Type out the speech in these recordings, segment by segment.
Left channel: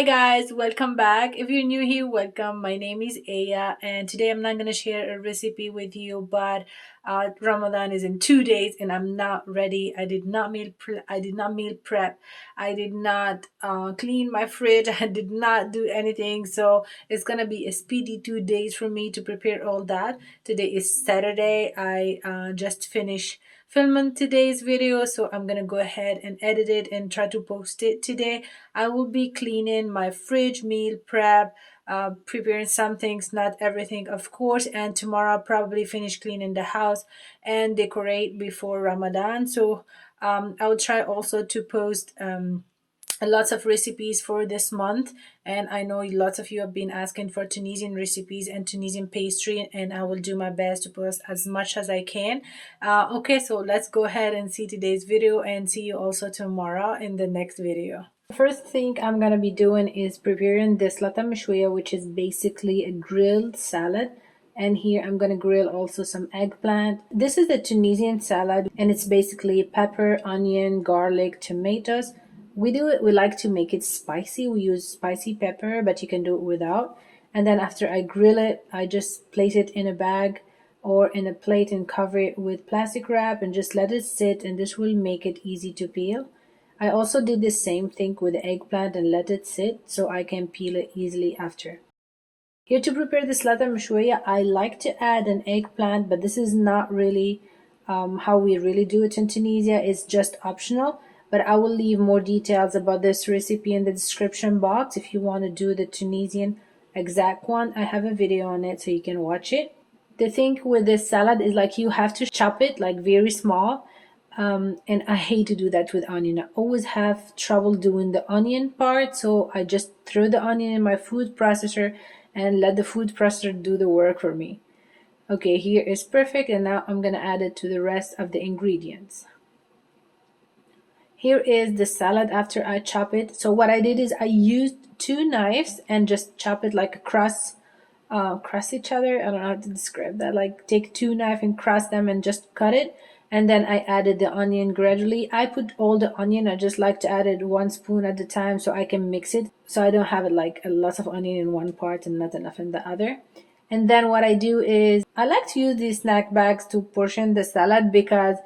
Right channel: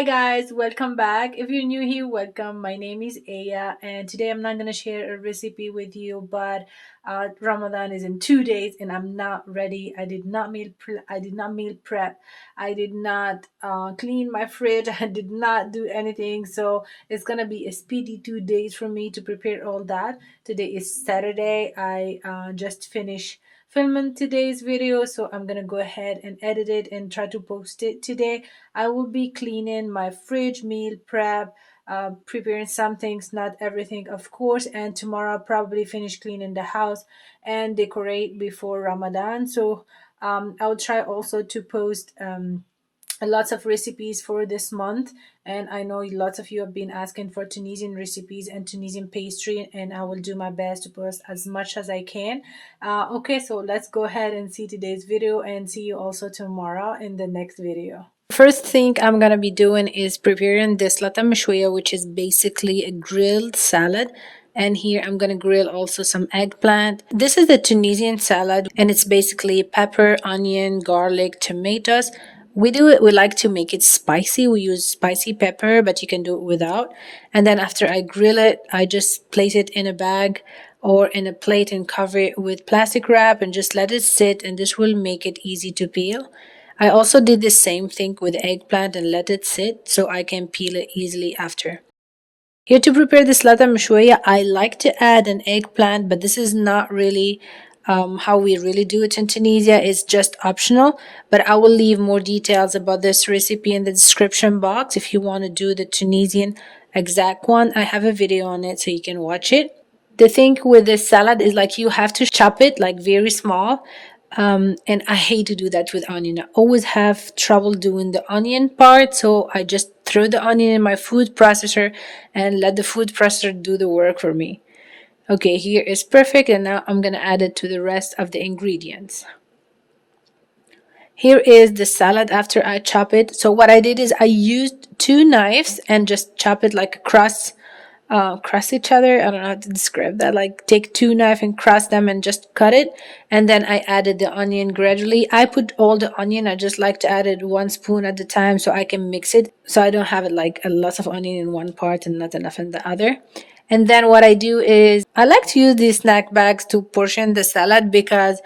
Hi guys, welcome back. If you're new here, welcome. My name is Aya, and today I'm not gonna share a recipe with you, but Ramadan is in 2 days, and I'm not ready. I did not meal prep. I did not clean my fridge. I did not do anything. So it's gonna be a speedy 2 days for me to prepare all that. Today is Saturday. I just finished filming today's video, so I'm gonna go ahead and edit it and try to post it today. I will be cleaning my fridge, meal prep, preparing some things, not everything, of course. And tomorrow I'll probably finish cleaning the house and decorate before Ramadan. So I will try also to post lots of recipes for this month. And I know lots of you have been asking for Tunisian recipes and Tunisian pastry, and I will do my best to post as much as I can. Okay, so let's go ahead and see today's video and see you also tomorrow in the next video. First thing I'm gonna be doing is preparing this lata mashwiya, which is basically a grilled salad. And here I'm gonna grill also some eggplant. This is the Tunisian salad, and it's basically pepper, onion, garlic, tomatoes. We like to make it spicy. We use spicy pepper, but you can do it without. And then after I grill it, I just place it in a bag or in a plate and cover it with plastic wrap and just let it sit, and this will make it easy to peel. I also did the same thing with eggplant and let it sit so I can peel it easily after. Here to prepare this lata mshwiya, I like to add an eggplant, but this is not really how we really do it in Tunisia. It's just optional, but I will leave more details about this recipe in the description box. If you want to do the Tunisian exact one, I have a video on it so you can watch it. The thing with this salad is like you have to chop it like very small, and I hate to do that with onion. I always have trouble doing the onion part, so I just throw the onion in my food processor and let the food processor do the work for me. Okay, here is perfect, and now I'm gonna add it to the rest of the ingredients. Here is the salad after I chop it. So what I did is I used 2 knives and just chop it like across each other. I don't know how to describe that. Like take 2 knives and cross them and just cut it. And then I added the onion gradually. I put all the onion. I just like to add it 1 spoon at a time so I can mix it. So I don't have it like a lot of onion in one part and not enough in the other. And then what I do is I like to use these snack bags to portion the salad because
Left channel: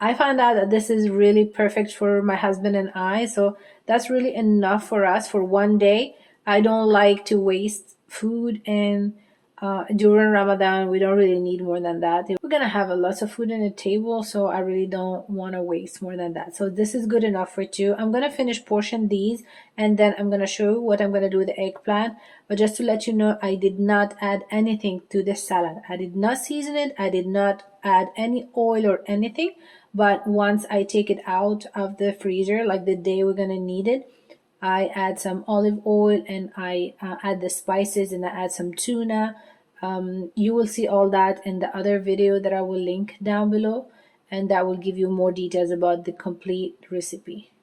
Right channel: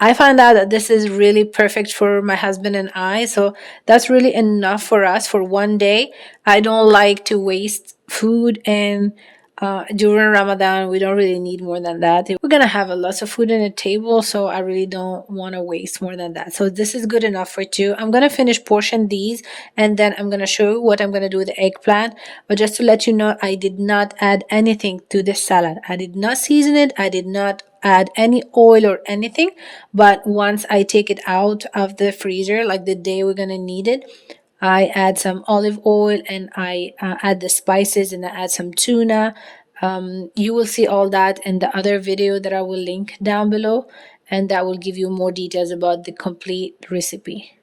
I find out that this is really perfect for my husband and I. So that's really enough for us for one day. I don't like to waste food, and during Ramadan, we don't really need more than that. We're gonna have a lot of food on the table, so I really don't want to waste more than that. So this is good enough for two. I'm gonna finish portion these, and then I'm gonna show you what I'm gonna do with the eggplant. But just to let you know, I did not add anything to this salad. I did not season it. I did not add any oil or anything. But once I take it out of the freezer, like the day we're gonna need it, I add some olive oil and I add the spices and I add some tuna. You will see all that in the other video that I will link down below, and that will give you more details about the complete recipe.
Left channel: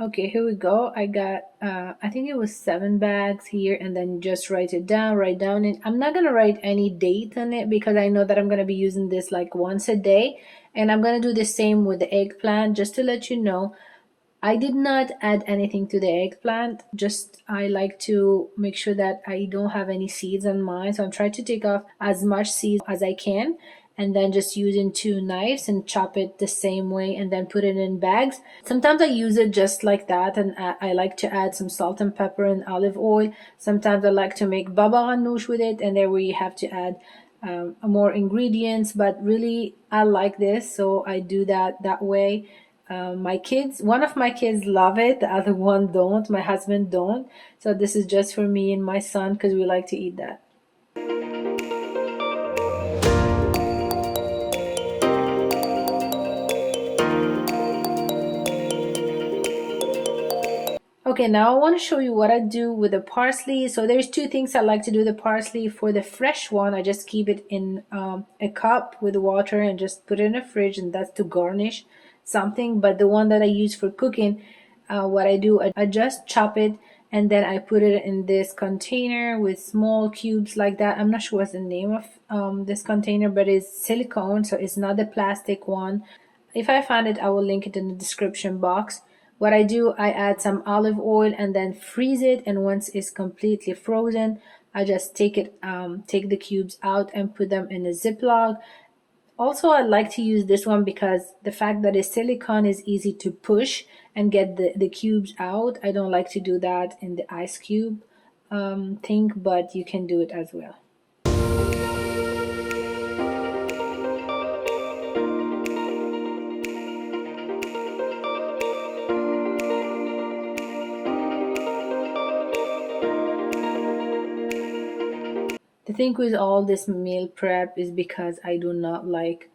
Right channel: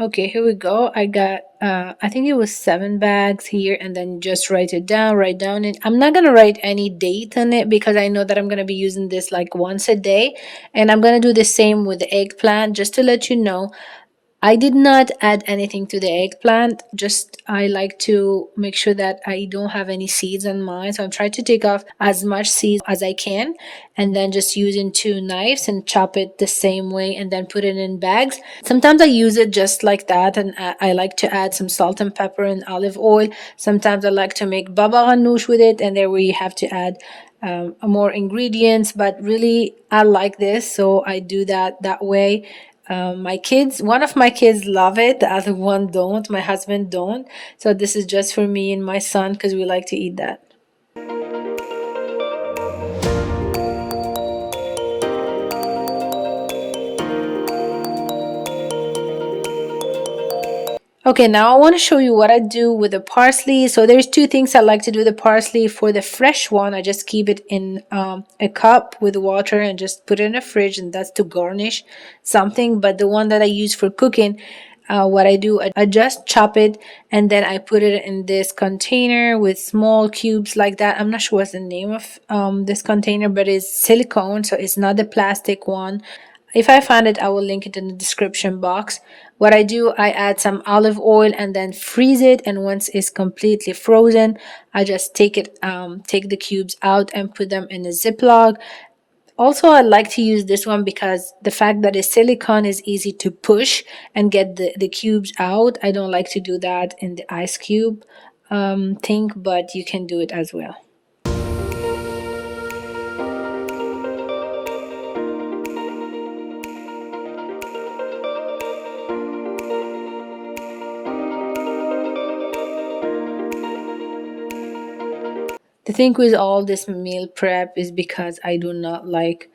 Okay, here we go. I got, I think it was 7 bags here, and then just write down it. I'm not gonna write any date on it because I know that I'm gonna be using this like once a day, and I'm gonna do the same with the eggplant just to let you know. I did not add anything to the eggplant. Just I like to make sure that I don't have any seeds on mine. So I'm trying to take off as much seeds as I can, and then just using 2 knives and chop it the same way and then put it in bags. Sometimes I use it just like that, and I like to add some salt and pepper and olive oil. Sometimes I like to make baba ganoush with it, and there we have to add more ingredients, but really I like this, so I do that way. My kids, one of my kids love it, the other one don't. My husband don't. So this is just for me and my son because we like to eat that. Okay, now I want to show you what I do with the parsley. So there's 2 things I like to do with the parsley. For the fresh one, I just keep it in a cup with water and just put it in the fridge, and that's to garnish something. But the one that I use for cooking, what I do, I just chop it and then I put it in this container with small cubes like that. I'm not sure what's the name of this container, but it's silicone, so it's not the plastic one. If I find it, I will link it in the description box. What I do, I add some olive oil and then freeze it, and once it's completely frozen, I just take the cubes out and put them in a Ziploc. Also, I like to use this one because the fact that it's silicone is easy to push and get the cubes out. I don't like to do that in the ice cube thing, but you can do it as well. The thing with all this meal prep is because I do not like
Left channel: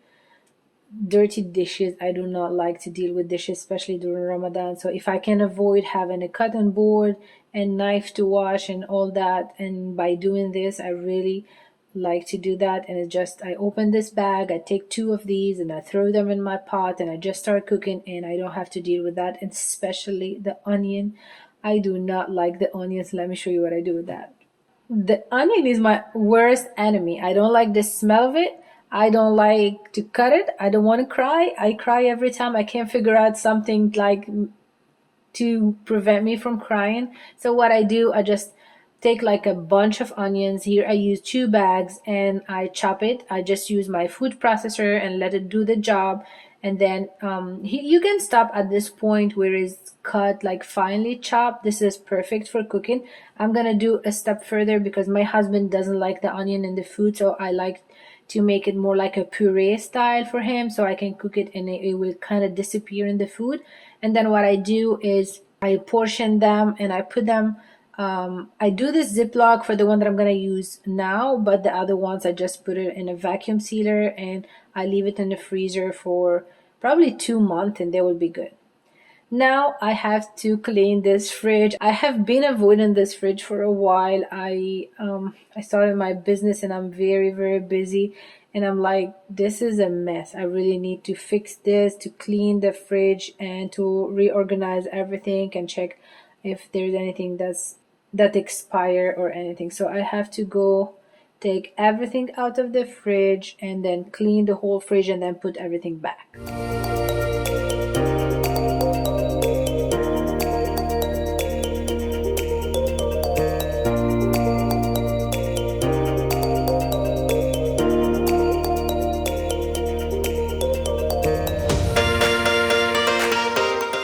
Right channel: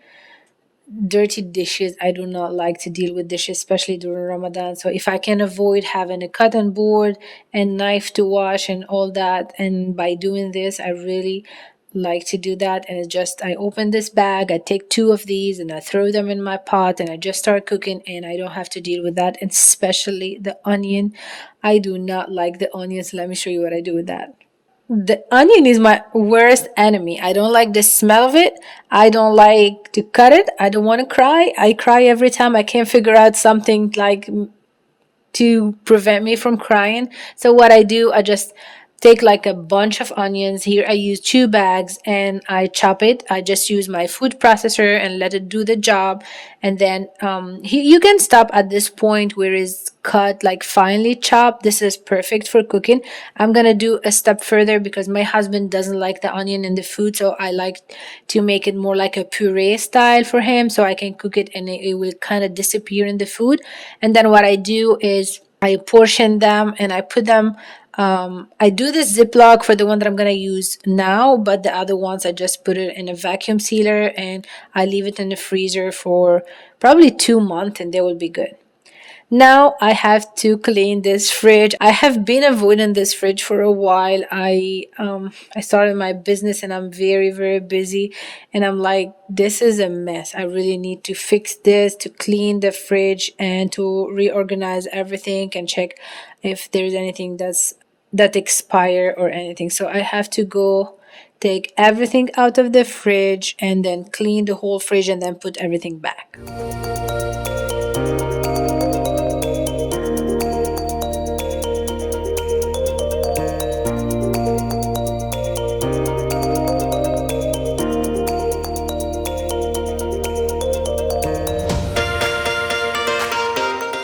dirty dishes. I do not like to deal with dishes, especially during Ramadan. So if I can avoid having a cotton board and knife to wash and all that, and by doing this, I really like to do that. And it's just, I open this bag, I take two of these and I throw them in my pot and I just start cooking, and I don't have to deal with that. And especially the onion. I do not like the onions. Let me show you what I do with that. The onion is my worst enemy. I don't like the smell of it. I don't like to cut it. I don't want to cry. I cry every time I can't figure out something like to prevent me from crying. So what I do, I just take like a bunch of onions. Here I use 2 bags and I chop it. I just use my food processor and let it do the job. And then you can stop at this point where it's cut like finely chopped. This is perfect for cooking. I'm gonna do a step further because my husband doesn't like the onion in the food, so I like to make it more like a puree style for him so I can cook it and it will kind of disappear in the food. And then what I do is I portion them and I put them. I do this Ziploc for the one that I'm gonna use now, but the other ones I just put it in a vacuum sealer and I leave it in the freezer for probably 2 months and they will be good. Now I have to clean this fridge. I have been avoiding this fridge for a while. I started my business and I'm very busy, and I'm like, this is a mess. I really need to fix this, to clean the fridge and to reorganize everything and check if there's anything that expire or anything. So I have to go take everything out of the fridge and then clean the whole fridge and then put everything back.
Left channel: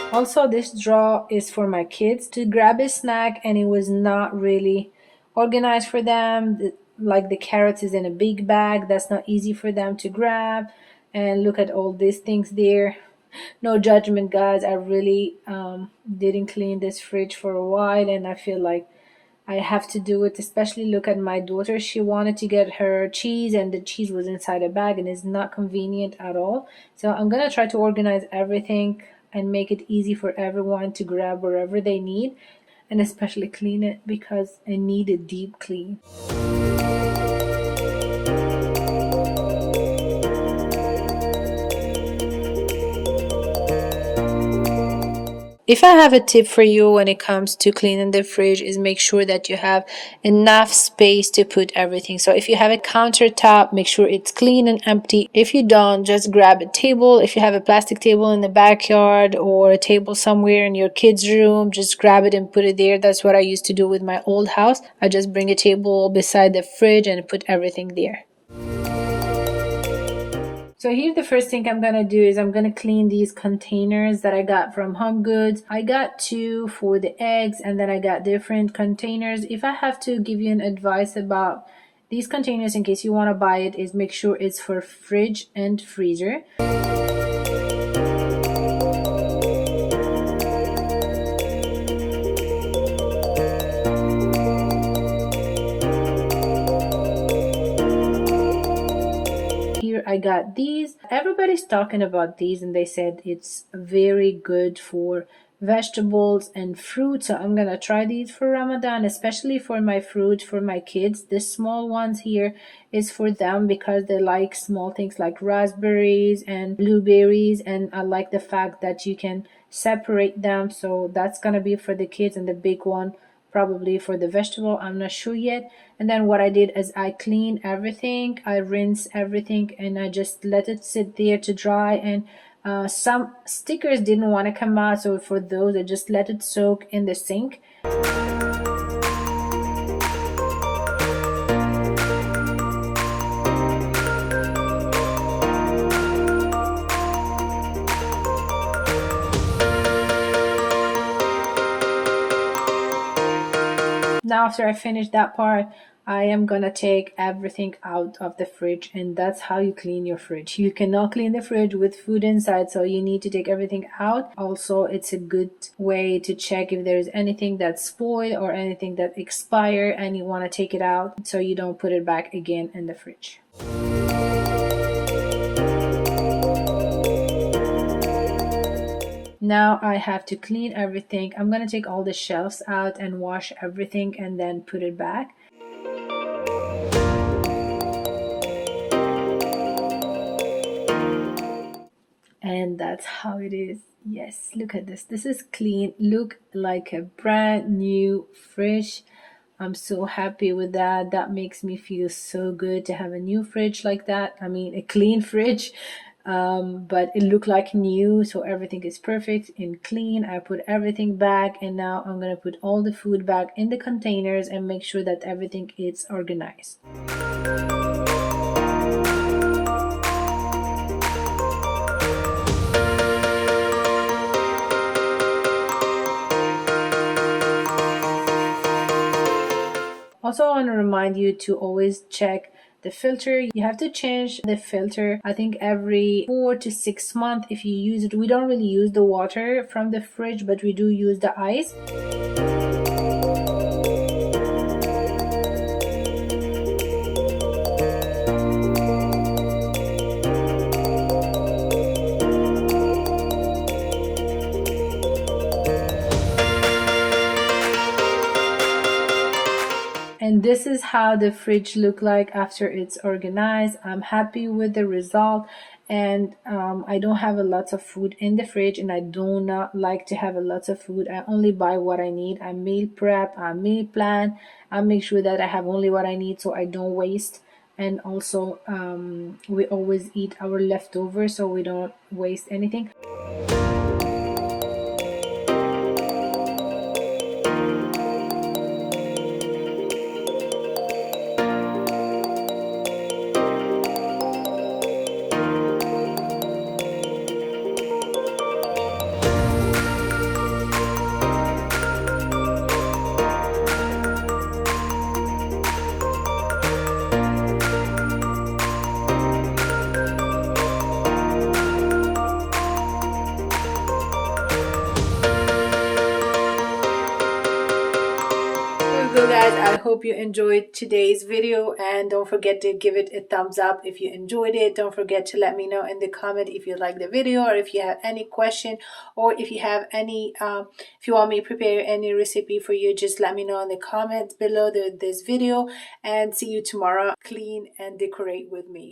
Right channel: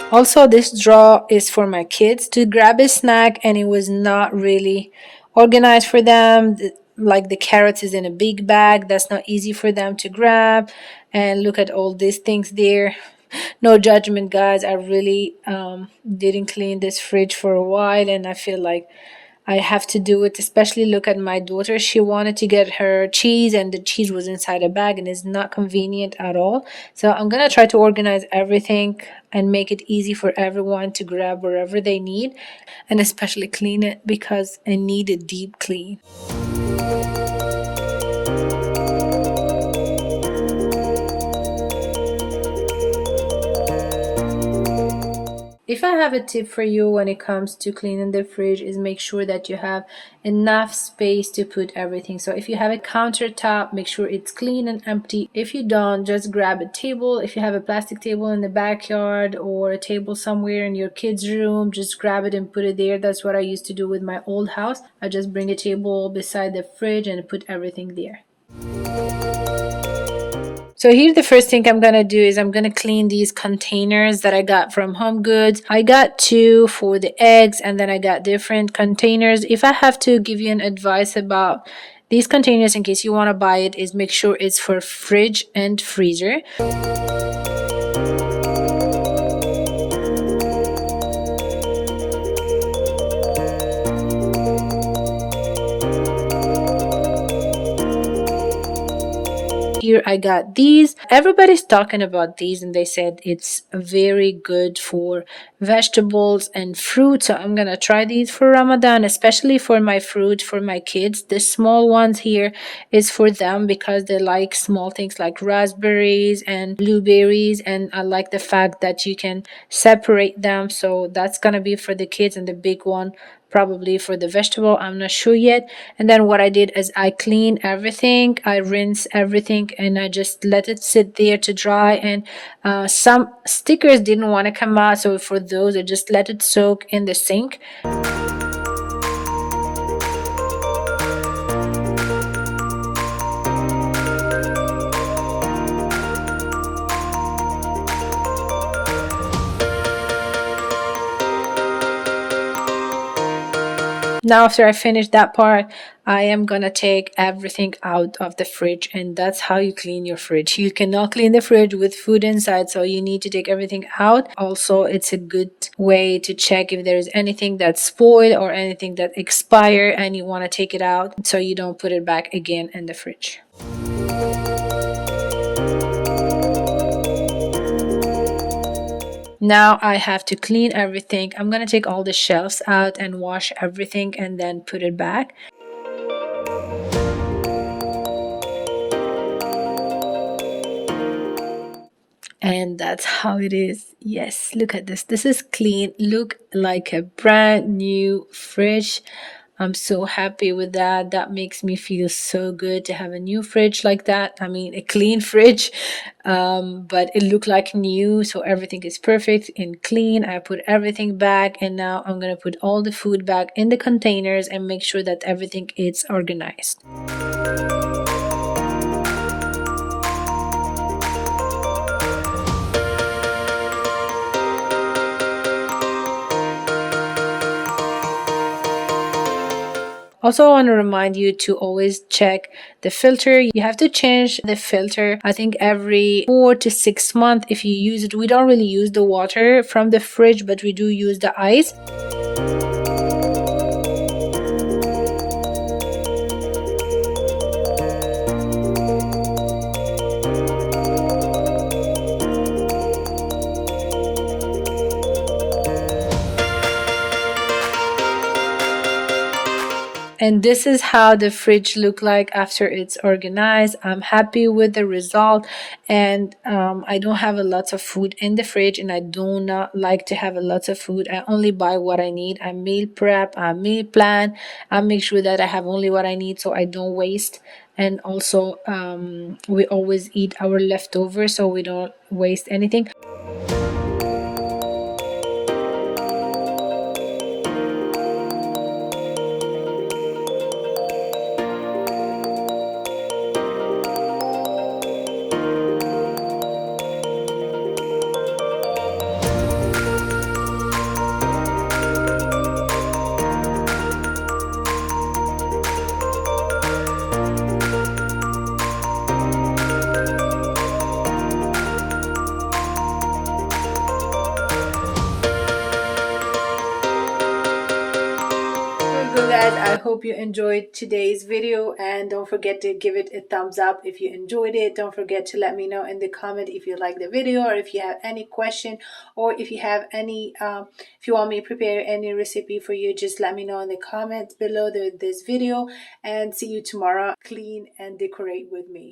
Also, this drawer is for my kids to grab a snack, and it was not really organized for them. Like the carrots is in a big bag, that's not easy for them to grab. And look at all these things there. No judgment, guys. I really didn't clean this fridge for a while, and I feel like I have to do it. Especially look at my daughter. She wanted to get her cheese and the cheese was inside a bag and it's not convenient at all. So I'm gonna try to organize everything and make it easy for everyone to grab wherever they need, and especially clean it because I need a deep clean. If I have a tip for you when it comes to cleaning the fridge, is make sure that you have enough space to put everything. So if you have a countertop, make sure it's clean and empty. If you don't, just grab a table. If you have a plastic table in the backyard or a table somewhere in your kids' room, just grab it and put it there. That's what I used to do with my old house. I just bring a table beside the fridge and put everything there. So here the first thing I'm gonna do is I'm gonna clean these containers that I got from Home Goods. I got 2 for the eggs and then I got different containers. If I have to give you an advice about these containers in case you want to buy it, is make sure it's for fridge and freezer. Here I got these. Everybody's talking about these and they said it's very good for vegetables and fruit. So I'm gonna try these for Ramadan, especially for my fruit for my kids. The small ones here is for them because they like small things like raspberries and blueberries, and I like the fact that you can separate them. So that's gonna be for the kids, and the big one probably for the vegetable, I'm not sure yet. And then what I did is I clean everything, I rinse everything, and I just let it sit there to dry. And some stickers didn't want to come out, so for those I just let it soak in the sink. Now after I finish that part, I am gonna take everything out of the fridge, and that's how you clean your fridge. You cannot clean the fridge with food inside, so you need to take everything out. Also, it's a good way to check if there is anything that's spoiled or anything that expired and you want to take it out so you don't put it back again in the fridge. Now I have to clean everything. I'm gonna take all the shelves out and wash everything and then put it back. And that's how it is. Yes, look at this. This is clean. Look like a brand new fridge. I'm so happy with that. That makes me feel so good to have a new fridge like that. I mean, a clean fridge, but it looked like new. So everything is perfect and clean. I put everything back, and now I'm going to put all the food back in the containers and make sure that everything is organized. Also, I want to remind you to always check the filter. You have to change the filter, I think, every 4 to 6 months if you use it. We don't really use the water from the fridge, but we do use the ice. And this is how the fridge look like after it's organized. I'm happy with the result, and I don't have a lot of food in the fridge, and I do not like to have a lot of food. I only buy what I need. I meal prep, I meal plan, I make sure that I have only what I need so I don't waste. And also we always eat our leftovers so we don't waste anything. So guys, I hope you enjoyed today's video, and don't forget to give it a thumbs up if you enjoyed it. Don't forget to let me know in the comment if you like the video, or if you have any question, or if you have any if you want me to prepare any recipe for you, just let me know in the comments below this video. And see you tomorrow. Clean and decorate with me.